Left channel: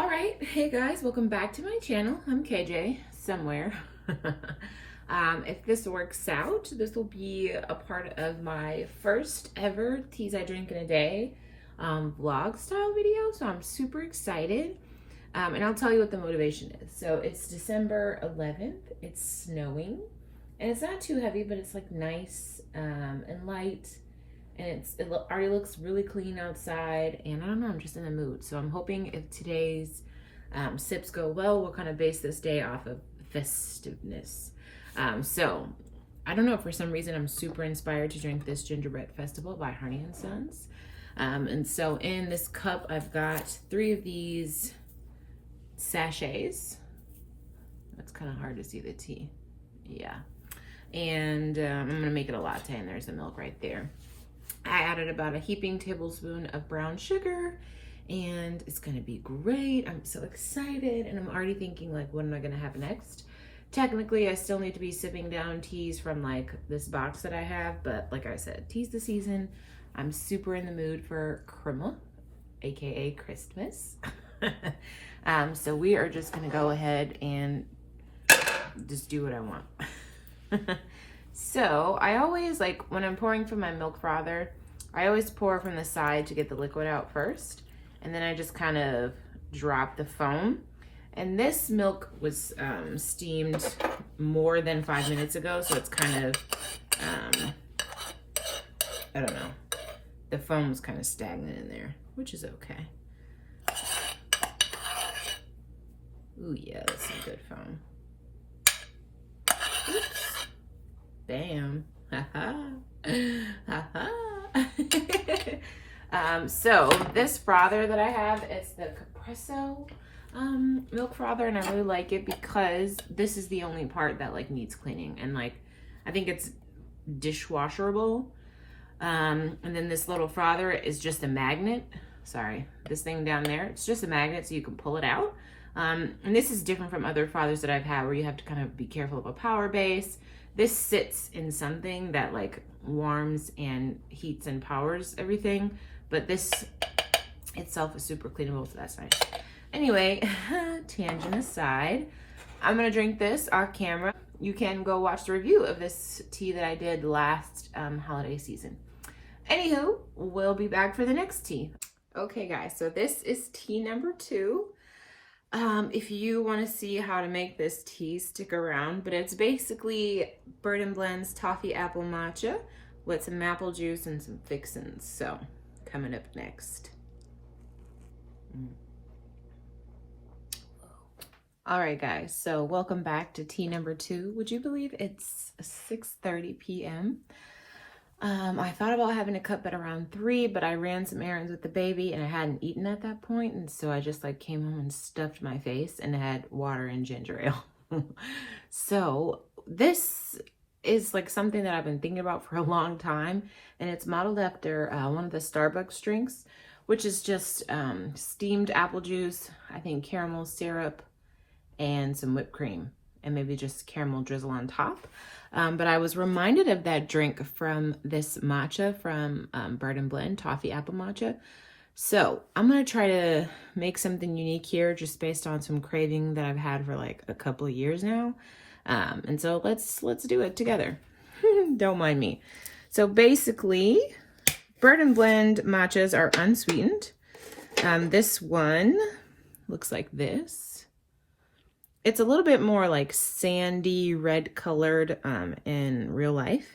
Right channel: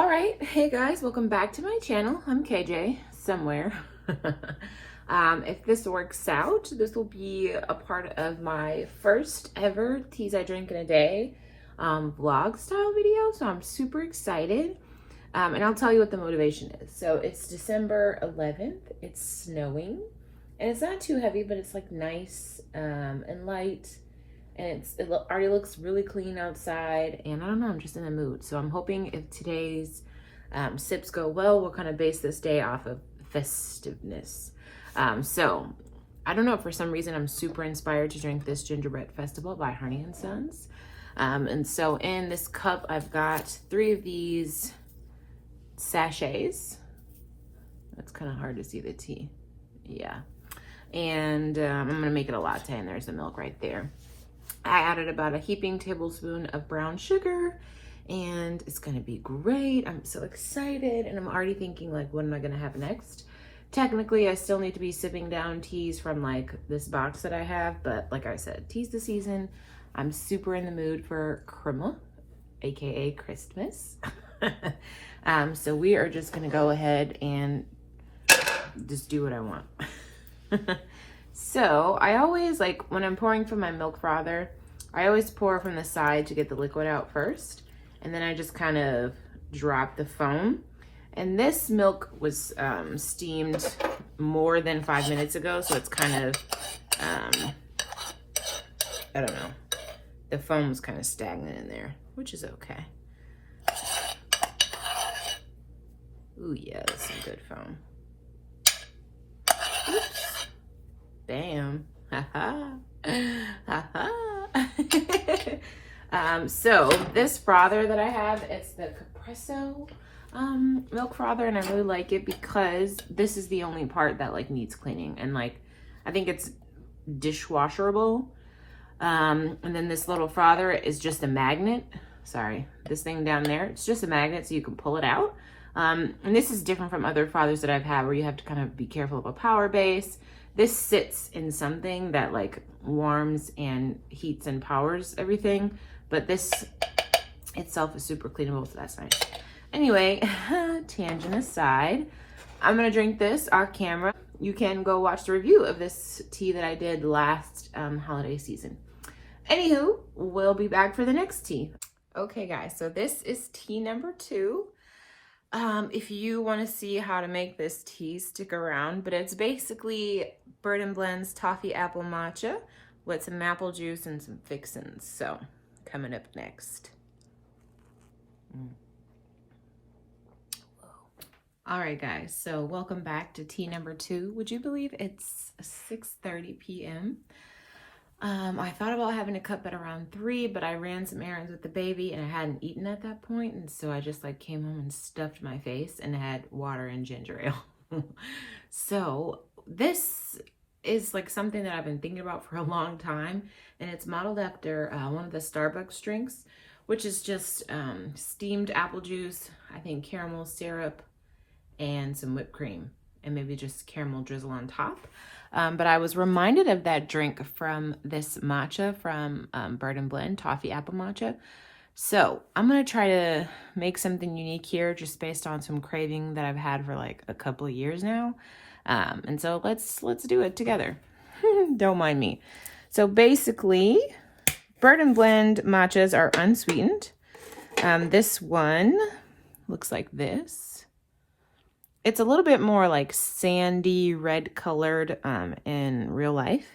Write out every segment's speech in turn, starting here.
All right, hey guys, welcome back to my channel. I'm KJ somewhere. If this works out, this will be a part of my first ever teas I drink in a day vlog style video, so I'm super excited. And I'll tell you what the motivation is. So it's December 11th, it's snowing, and it's not too heavy, but it's like nice and light. And it already looks really clean outside, and I don't know, I'm just in the mood. So I'm hoping if today's sips go well, we'll kind of base this day off of festiveness. So I don't know, for some reason I'm super inspired to drink this Gingerbread Festival by Honey & Sons. And so in this cup, I've got 3 of these sachets. That's kind of hard to see the tea. Yeah. And I'm gonna make it a latte, and there's the milk right there. I added about a heaping tablespoon of brown sugar, and it's gonna be great. I'm so excited, and I'm already thinking, like, what am I gonna have next? Technically, I still need to be sipping down teas from like this box that I have, but like I said, tea's the season. I'm super in the mood for crema, aka Christmas. So we are just gonna go ahead and just do what I want. So I always, like, when I'm pouring from my milk frother, I always pour from the side to get the liquid out first, and then I just kind of drop the foam. And this milk was steamed more than 5 minutes ago, so it's kind of I don't know, the foam's kind of stagnant in there, which is okay. Ooh yeah, that's some good foam. Oops. Bam. So this frother that I have, it's the Capresso milk frother, and I really like it because this is the only part that like needs cleaning, and like I think it's dishwasherable. And then this little frother is just a magnet. Sorry, this thing down there, it's just a magnet so you can pull it out. And this is different from other frothers that I've had where you have to kind of be careful of a power base. This sits in something that like warms and heats and powers everything, but this itself is super cleanable, so that's nice. Anyway, tangent aside, I'm gonna drink this off camera. You can go watch the review of this tea that I did last holiday season. Anywho, we'll be back for the next tea. Okay guys, so this is tea number 2. If you want to see how to make this tea, stick around, but it's basically Bird & Blend's toffee apple matcha with some maple juice and some fixins. So coming up next. All right guys, so welcome back to tea number 2. Would you believe it's 6:30 p.m.? I thought about having a cup at around 3, but I ran some errands with the baby and I hadn't eaten at that point, and so I just like came home and stuffed my face and had water and ginger ale. So this is like something that I've been thinking about for a long time, and it's modeled after one of the Starbucks drinks, which is just steamed apple juice, I think caramel syrup, and some whipped cream, and maybe just caramel drizzle on top. But I was reminded of that drink from this matcha from Bird & Blend, toffee apple matcha. So I'm going to try to make something unique here just based on some craving that I've had for like a couple of years now. And so let's do it together. Don't mind me. So basically, Bird & Blend matchas are unsweetened. This one looks like this. It's a little bit more like sandy red colored in real life.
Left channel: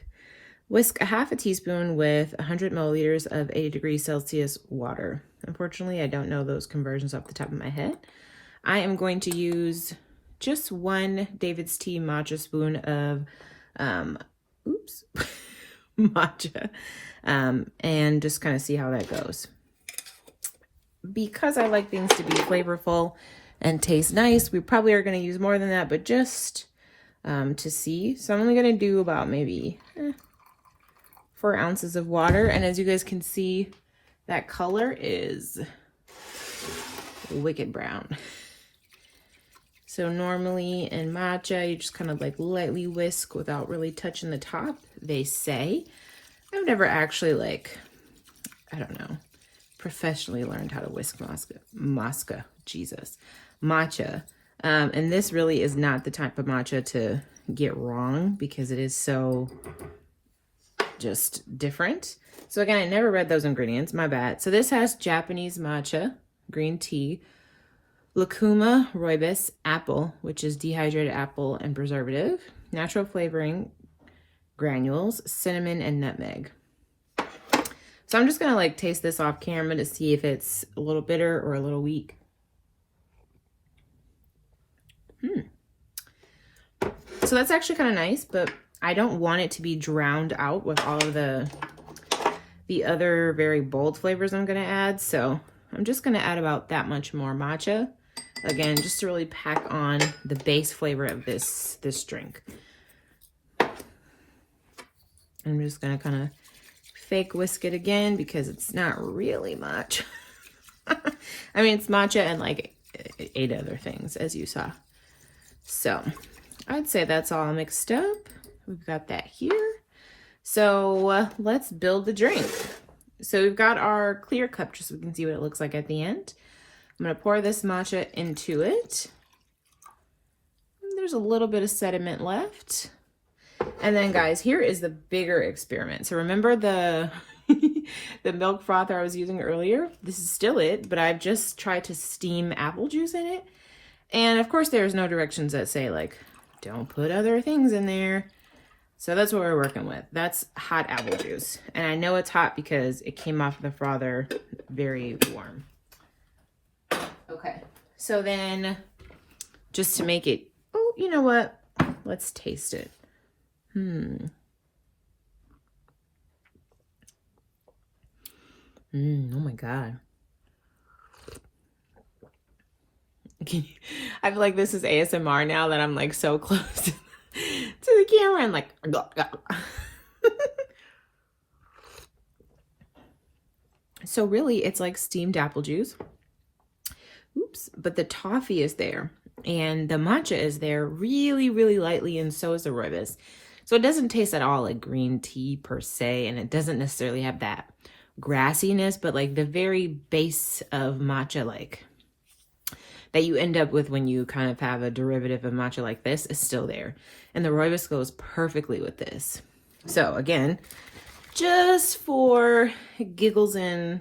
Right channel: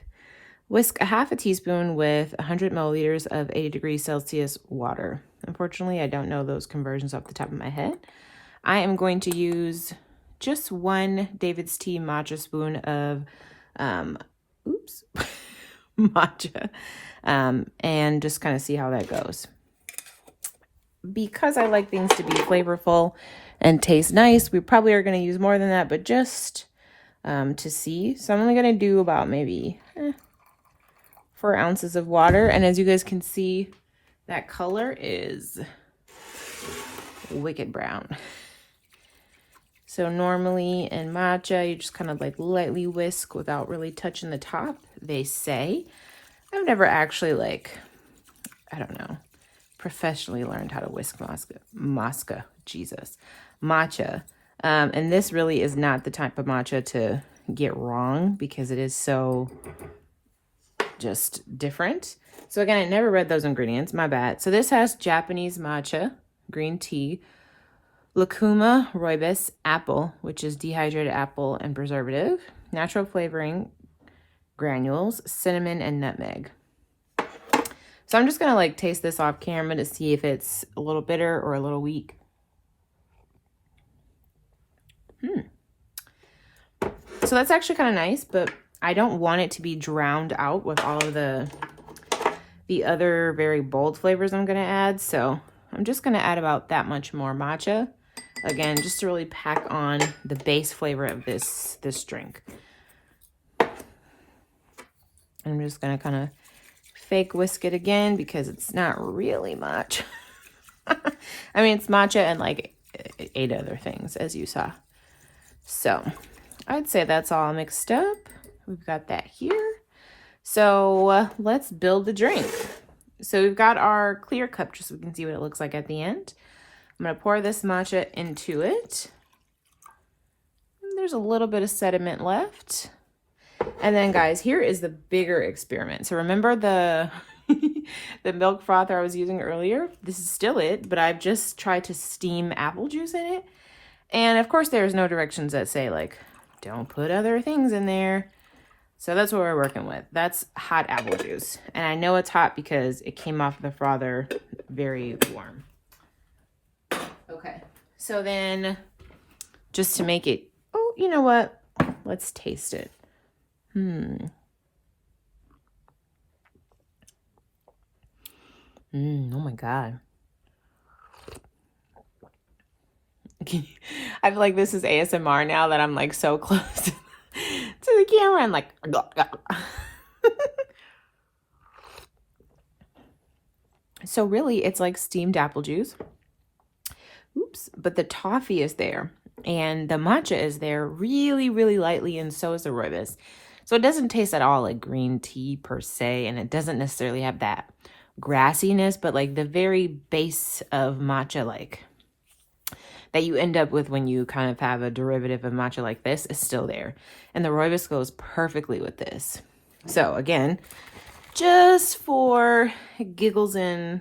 Whisk a half a teaspoon with 100 milliliters of 80 degrees Celsius water. Unfortunately, I don't know those conversions off the top of my head. I am going to use just 1 David's Tea matcha spoon of matcha, and just kind of see how that goes. Because I like things to be flavorful and taste nice, we probably are going to use more than that, but just to see. So I'm only going to do about maybe 4 ounces of water. And as you guys can see, that color is wicked brown. So normally in matcha, you just kind of like lightly whisk without really touching the top, they say. I've never actually like, I don't know, professionally learned how to whisk matcha. And this really is not the type of matcha to get wrong because it is so just different. So again, I never read those ingredients, my bad. So this has Japanese matcha, green tea, lucuma, rooibos, apple, which is dehydrated apple and preservative, natural flavoring, granules, cinnamon, and nutmeg. So I'm just gonna like taste this off camera to see if it's a little bitter or a little weak. So that's actually kind of nice, but I don't want it to be drowned out with all of the other very bold flavors I'm gonna add. So I'm just gonna add about that much more matcha. Again, just to really pack on the base flavor of this drink. I'm just gonna kind of fake whisk it again because it's not really much. I mean, it's matcha and like 8 other things, as you saw. So I'd say that's all mixed up. We've got that here. So let's build the drink. So we've got our clear cup just so we can see what it looks like at the end. I'm gonna pour this matcha into it. There's a little bit of sediment left. And then guys, here is the bigger experiment. So remember the the milk frother I was using earlier? This is still it, but I've just tried to steam apple juice in it. And of course there's no directions that say like, don't put other things in there. So that's what we're working with. That's hot apple juice. And I know it's hot because it came off the frother very warm. Okay, so then just to make it, oh, you know what? Let's taste it. Oh my God. I feel like this is ASMR now that I'm like so close to the camera. I'm like, so really it's like steamed apple juice. Oops, but the toffee is there and the matcha is there really, really lightly, and so is the rooibos. So it doesn't taste at all like green tea per se, and it doesn't necessarily have that grassiness, but like the very base of matcha, like that you end up with when you kind of have a derivative of matcha like this, is still there. And the rooibos goes perfectly with this. So again, just for giggles and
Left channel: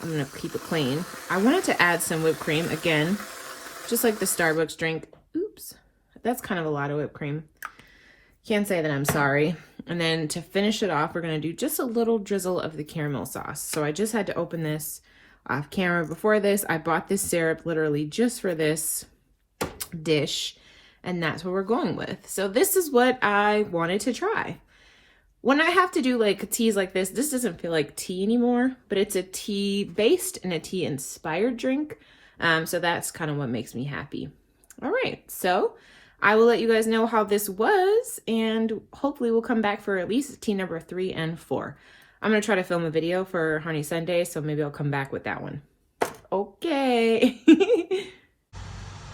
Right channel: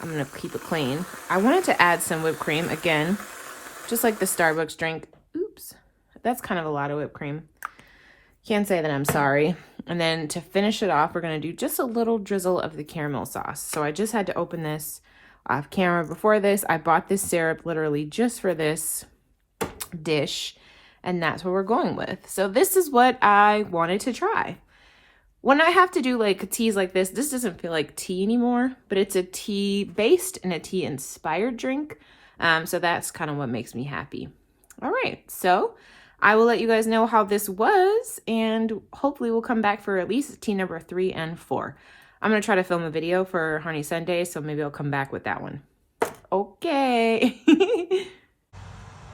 I'm gonna keep it clean, I wanted to add some whipped cream again, just like the Starbucks drink. Oops, that's kind of a lot of whipped cream. Can't say that I'm sorry. And then to finish it off, we're gonna do just a little drizzle of the caramel sauce. So I just had to open this off camera. Before this, I bought this syrup literally just for this dish, and that's what we're going with. So this is what I wanted to try. When I have to do like teas like this doesn't feel like tea anymore, but it's a tea based and a tea inspired drink. So that's kind of what makes me happy. All right, so I will let you guys know how this was, and hopefully we'll come back for at least tea number 3 and 4. I'm going to try to film a video for Honey Sunday, so maybe I'll come back with that one. Okay.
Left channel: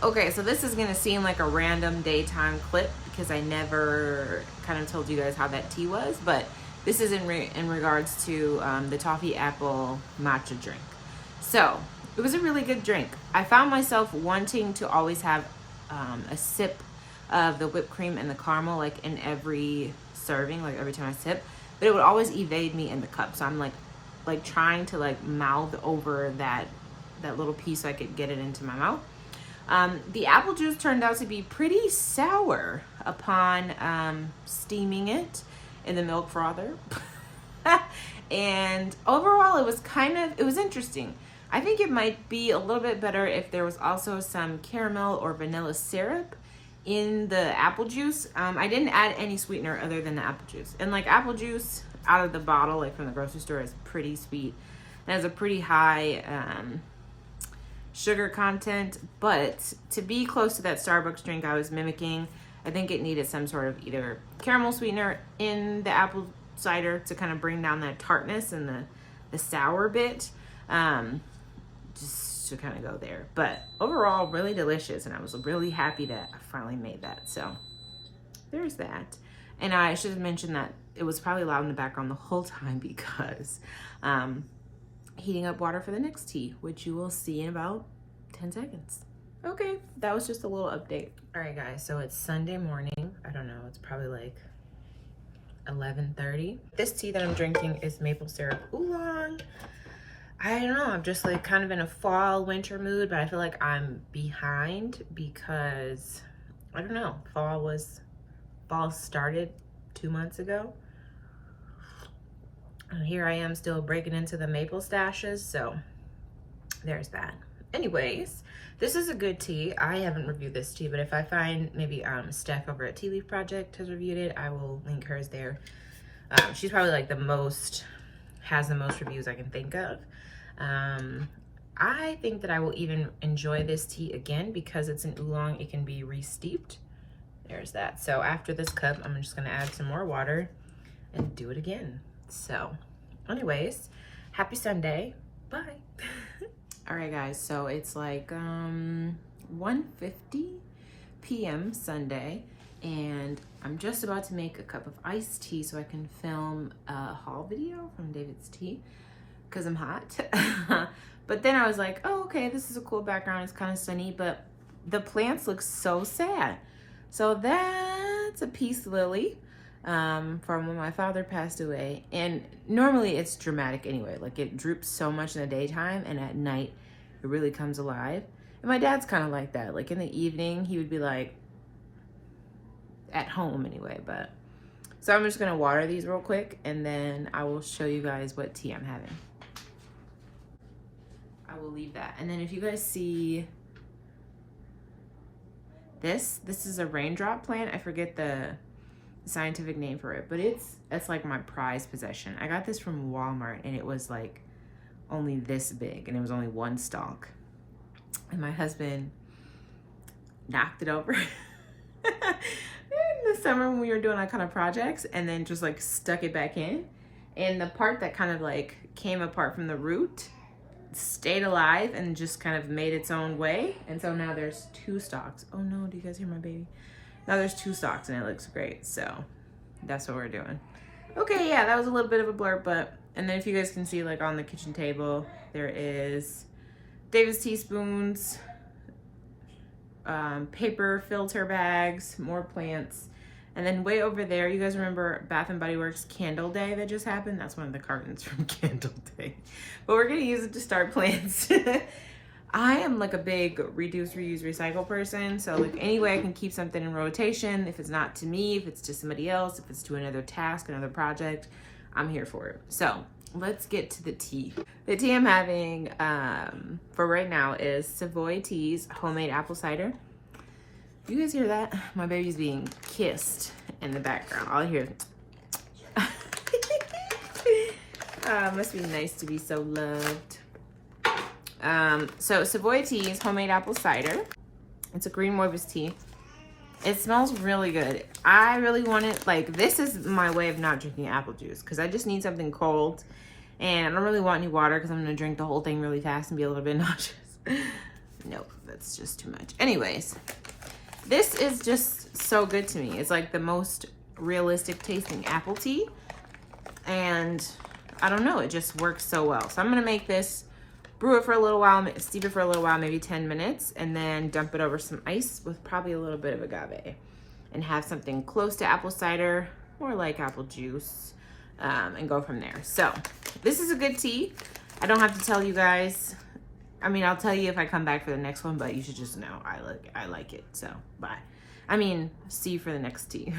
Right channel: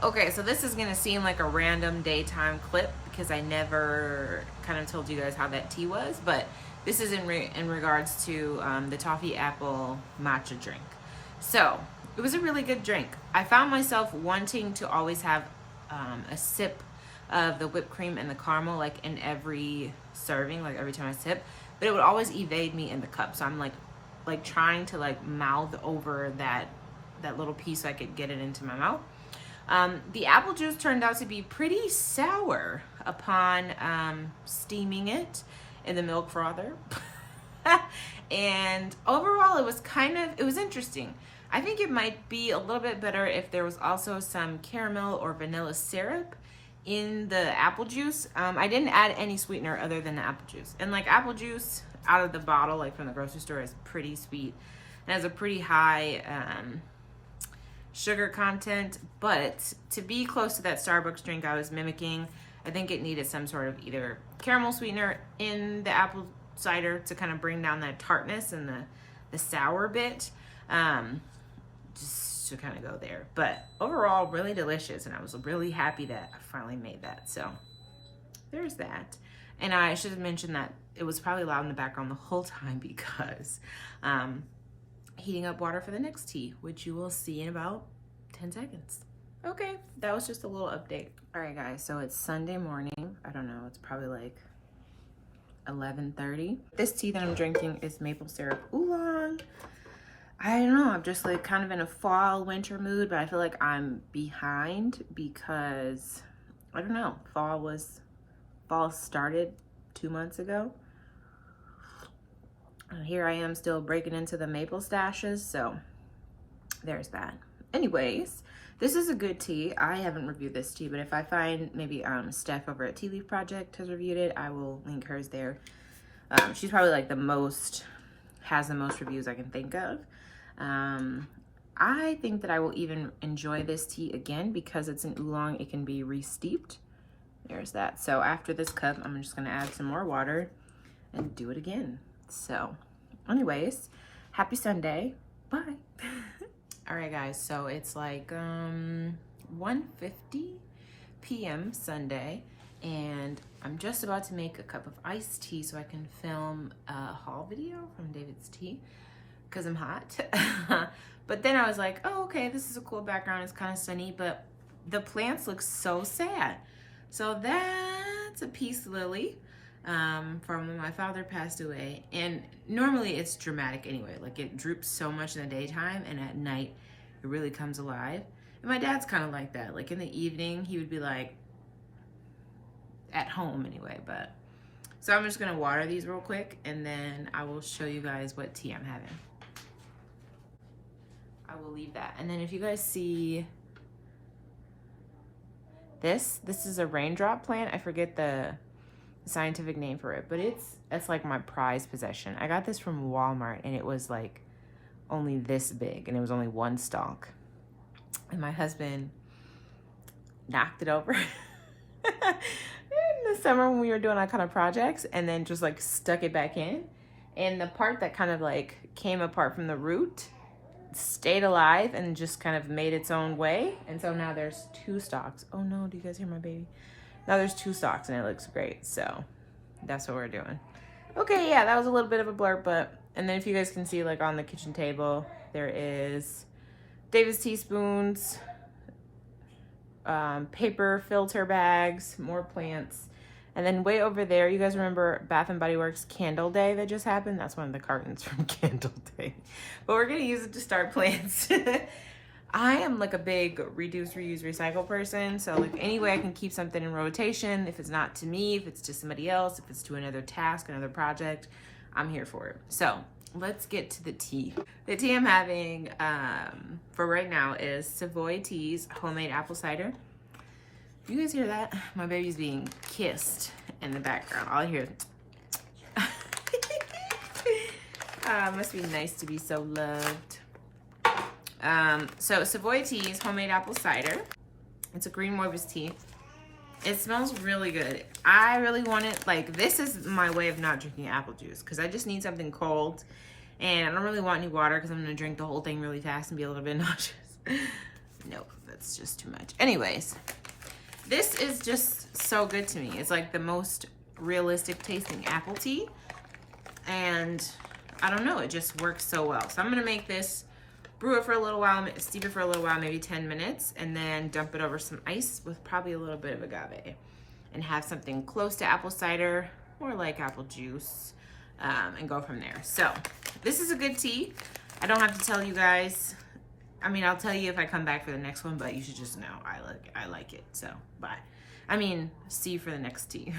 Okay, so this is going to seem like a random daytime clip because I never kind of told you guys how that tea was, but this is in regards to the toffee apple matcha drink. So it was a really good drink. I found myself wanting to always have a sip of the whipped cream and the caramel like in every serving, like every time I sip, but it would always evade me in the cup. So I'm like trying to like mouth over that little piece so I could get it into my mouth. The apple juice turned out to be pretty sour upon steaming it in the milk frother. And overall, it was interesting. I think it might be a little bit better if there was also some caramel or vanilla syrup in the apple juice. I didn't add any sweetener other than the apple juice. And like apple juice out of the bottle, like from the grocery store, is pretty sweet and has a pretty high sugar content. But to be close to that Starbucks drink I was mimicking, I think it needed some sort of either caramel sweetener in the apple cider to kind of bring down that tartness and the sour bit. Just to kind of go there. But overall, really delicious, and I was really happy that I finally made that. So there's that. And I should have mentioned that it was probably loud in the background the whole time because heating up water for the next tea, which you will see in about 10 seconds. Okay, that was just a little update. All right, guys, so it's Sunday morning. I don't know, it's probably like 11:30. This tea that I'm drinking is Maple Syrup Oolong. I don't know, I'm just like kind of in a fall winter mood, but I feel like I'm behind because I don't know, fall started 2 months ago. And here I am still breaking into the maple stashes, so there's that. Anyways, this is a good tea. I haven't reviewed this tea, but if I find maybe Steph over at Tea Leaf Project has reviewed it, I will link hers there. She's probably like has the most reviews I can think of. I think that I will even enjoy this tea again because it's an oolong. It can be re-steeped. There's that. So after this cup, I'm just gonna add some more water and do it again. So anyways, happy Sunday. Bye. All right, guys, so it's like 1:50 p.m. Sunday, and I'm just about to make a cup of iced tea so I can film a haul video from David's Tea because I'm hot. But then I was like, oh, okay, this is a cool background. It's kind of sunny, but the plants look so sad. So that's a peace lily from when my father passed away. And normally it's dramatic anyway. Like it droops so much in the daytime, and at night it really comes alive. And my dad's kind of like that. Like in the evening, he would be like, at home anyway, but. So I'm just gonna water these real quick, and then I will show you guys what tea I'm having. I will leave that. And then if you guys see this is a raindrop plant. I forget the scientific name for it, but it's like my prized possession. I got this from Walmart, and it was like only this big, and there was only one stalk. And my husband knocked it over in the summer when we were doing our kind of projects, and then just like stuck it back in. And the part that kind of like came apart from the root stayed alive and just kind of made its own way. And so now there's 2 stalks. Oh no, do you guys hear my baby? Now there's 2 stalks, and it looks great. So that's what we're doing. Okay, yeah, that was a little bit of a blurb, but, and then if you guys can see, like on the kitchen table, there is David's teaspoons, paper filter bags, more plants. And then way over there, you guys remember Bath & Body Works Candle Day that just happened? That's one of the cartons from Candle Day. But we're gonna use it to start plants. I am like a big reduce, reuse, recycle person. So like any way I can keep something in rotation, if it's not to me, if it's to somebody else, if it's to another task, another project, I'm here for it. So let's get to the tea. The tea I'm having for right now is Savoy Tea's homemade apple cider. You guys hear that? My baby's being kissed in the background. All I hear is must be nice to be so loved. So Savoy Tea's homemade apple cider. It's a green morbus tea. It smells really good. I really want it, like, this is my way of not drinking apple juice because I just need something cold, and I don't really want any water because I'm gonna drink the whole thing really fast and be a little bit nauseous. Nope, that's just too much. Anyways, this is just so good to me. It's like the most realistic tasting apple tea, and I don't know, it just works so well. So I'm gonna make this, brew it for a little while, steep it for a little while, maybe 10 minutes, and then dump it over some ice with probably a little bit of agave, and have something close to apple cider, more like apple juice, and go from there. So this is a good tea. I don't have to tell you guys. I mean, I'll tell you if I come back for the next one, but you should just know I like it. So bye. I mean, see you for the next tea.